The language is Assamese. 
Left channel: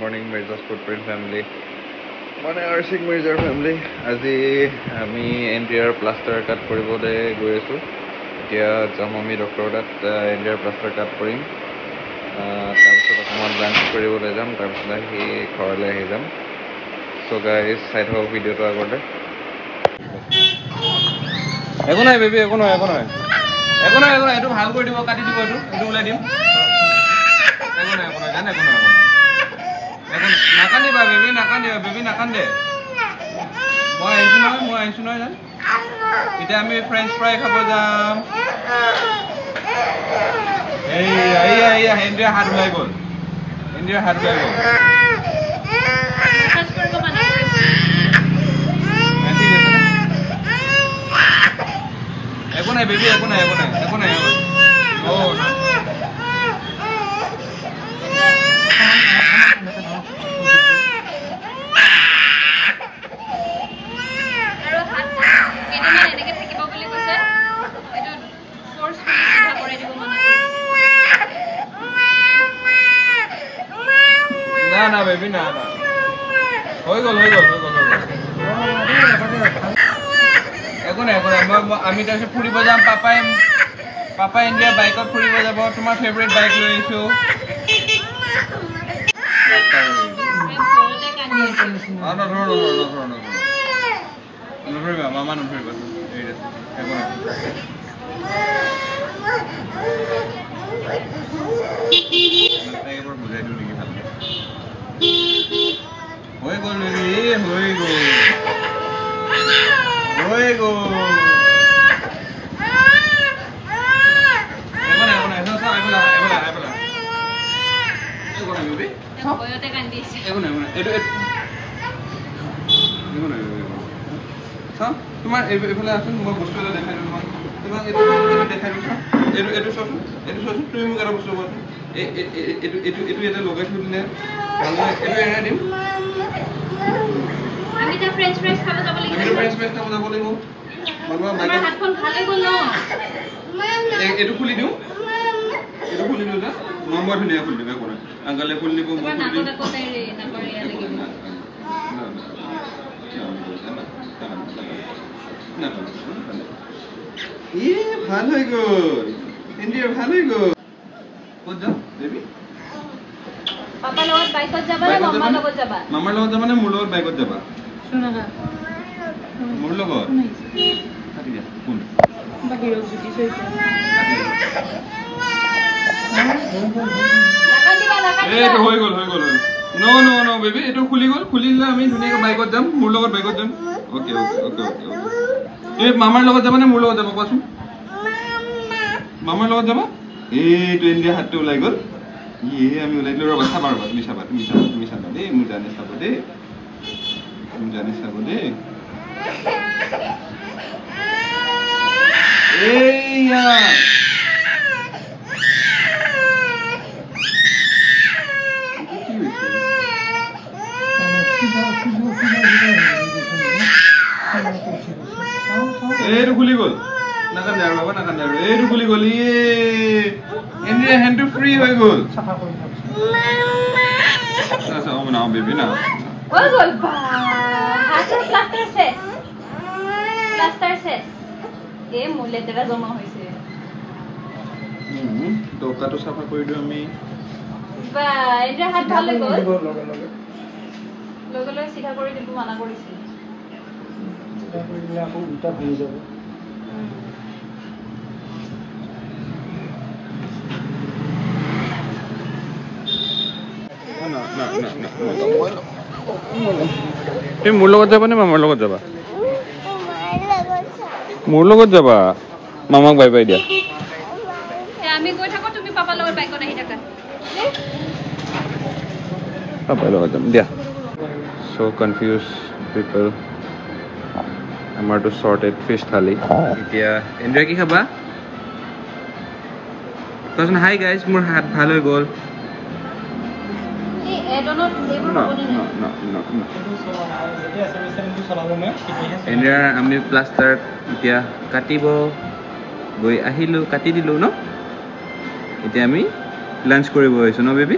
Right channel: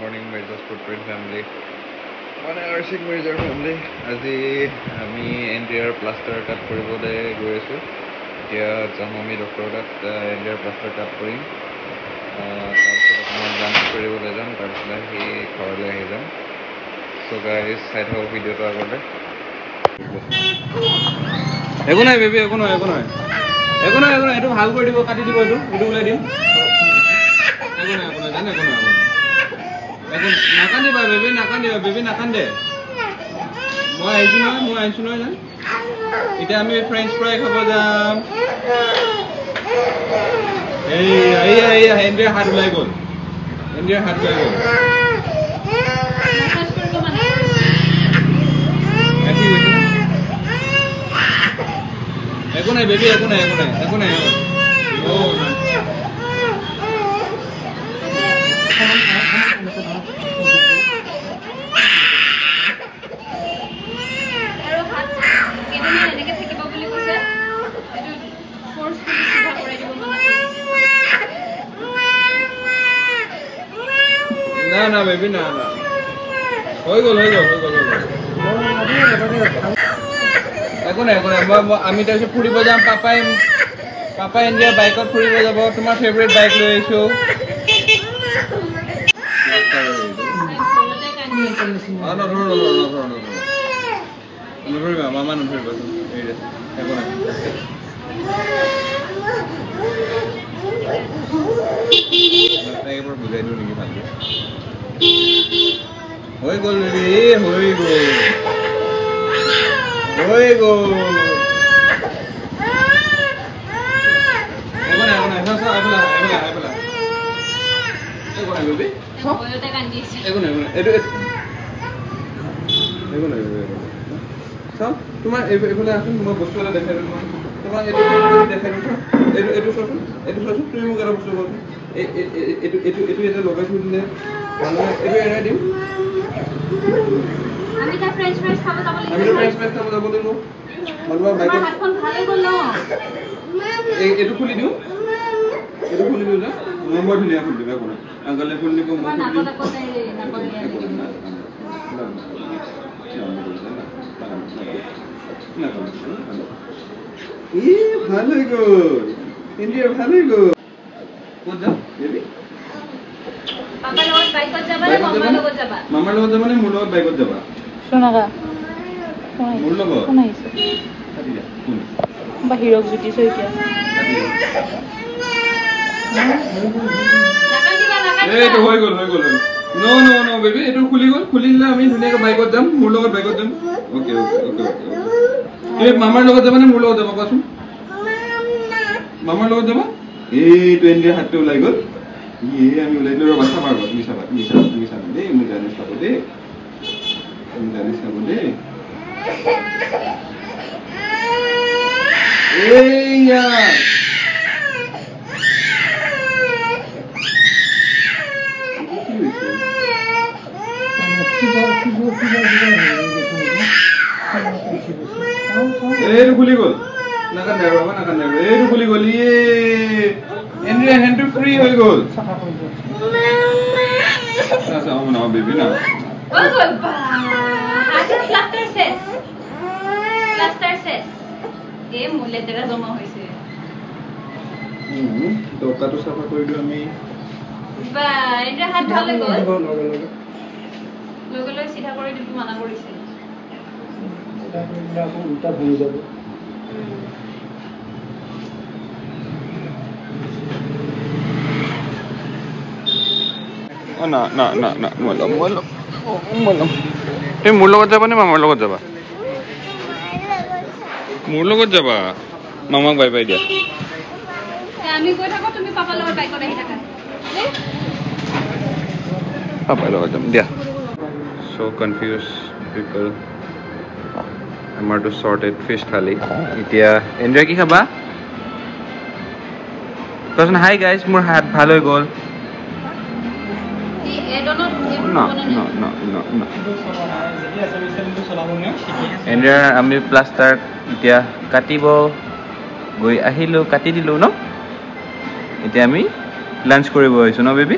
morning, Mirza's footprint family. মানে আৰ্শিক মিৰ্জাৰ ফেমিলি আজি আমি এনডিআৰ প্লাষ্টাৰ কাট কৰিবলৈ গৈ আছোঁ। এতিয়া যাম আমি ডক্টৰৰ তাত এনডিআৰ প্লাষ্টাৰ কাট কৰিম, তাৰপিছত অকণমান লাঞ্চ কৰিবলৈ যাম, তাৰপিছত আহি ঘৰলৈ আহি যাম। চ' গাইজ চাই থাকক ভিডিঅ'টো আগতে। একো নাই বেবী, একো নহয়, একো নহয়, একো নহয়, একো নহয়, এইটো ভাল কৰি দিব, কাটি দিব, এইটো ওলাই দিম। একো নাই, একো নাই, জানে একো নহয়, নাকান্দিবা বেবী, নাকান্দিবা বেবী, নাকান্দে। মই আহিছোঁ নহয় জান। এতিয়া আমি ফ্ৰেঞ্চ ফ্ৰাই খাব যাম। এনডিআৰ হাত ওলাই গ'ল, এনডিআৰ হাত ওলাই গ'ল। একো নাই বেবী, একো নাই, একো নাই, একো নাই, না না বেবী, না না, হৈ গ'ল। একো নাই, একো নাই, আমি তাৰপিছত ফুৰিব যাম। পাপাই এনডিআৰ বাইকত ফুৰিব যাব। তোমাৰ ফেভৰেট বাইক লৈ আহিছোঁ। নধৰিবা মামা, নধৰিবাচোন, একো নাই। বুজাই দিওঁ নেকি ভালকে? হৈ গ'ল বেবী, হৈ গ'ল। একো নাই, একো নাই, একো নাই বেবী, একো নাই, এইটো একো নাই। চাম তোমাৰ এইফালে আছোন, মই বস্তু এটা দেখাই দিওঁ তোমাক এইটো দেখাই দিওঁ। এইটো চোৱাচোন, তুমি মোক এটা বস্তু কোৱাচোন, এইটো এতিয়া লগাই থৈ দিলে ভাল লাগে। এইটো এৰাই দিম, আমি তা ফ্ৰেঞ্চ ফ্ৰাইজ খাব যাব লাগিব। তোমাৰ হাতখন ভাল হৈ গ'ল ন? এইটো খুলি দিওঁ, না নম্বৰ ধুনীয়া খুলি দিবা। কোনো আংকলে খুলি দিব, তোমাৰ নাকত নাকৰ এৰিয়া লাগিব। ভাল হৈ গ'ল, এনডিআৰ ভাল হৈ গ'ল। ক'ত যাম বেবী? পাপাৰ লগত বাইকত যাবা নে মামাৰ লগত যাবা? মামাৰ লগত যাবা নে মোৰ লগত বাইকত যাবা? সোনাগা মোৰ লগত কোন আহিছে? কোন বাহিৰক জুতিছো এতিয়া। এইটো হৈ গ'ল। ন বেবী, এইটো খুলি গ'ল। খুলিলে আমি ধুনীয়াকৈ বাইকত যাম, মোৰ লগত বাইকত যাম। অ'কে। তুমি মামাৰ লগত যাবা নে মোৰ লগত যাবা কোৱাচোন? মামাৰ লগত যাবা? এইটো এনডিআৰ হাতটো ওলাই গ'ল। আমি ওলাই দিলোঁ। ৰ'বা, চাবা ৰ'বা, তুমি চাবা দেই, মোৰ জানে চাব দেই, এইয়া এইটো খুলি গ'ল। নাকান্দে আৰু, এইটো খুলি গ'ল। এনডিআৰ হেণ্ডটো ফ্ৰী হৈ গ'ল। না বেবী না, টকাটো চাফা কৰি দিওঁ আমি। লগে চিধা কৰি দিব মানা কৰিছে। না তুমি মোৰ লগত যাবা নে মামাৰ লগত যাবা? মোৰ লগত যাবা। মামাক বাই বাই দিয়া। আমি গৈ থাকো, তুমি পাপাৰ লগত বাইকত আহি থাকা। পাপাৰ লগত যাম দিয়া। So confused people. আমাৰতো sorted fish থালি। এতিয়া এনডিআৰ কি খাবা? কোৱাচোন হাই গাইজ, মোৰ হাত ভাল হৈ গ'ল। এনডিআৰ আমি প্লাষ্টাৰ এতিয়া কাটিব গৈ আহিলোঁ, কাটি দিলোঁ ন। এতিয়া আমি লাঞ্চ কৰিব আহিছোঁ ন বেবী?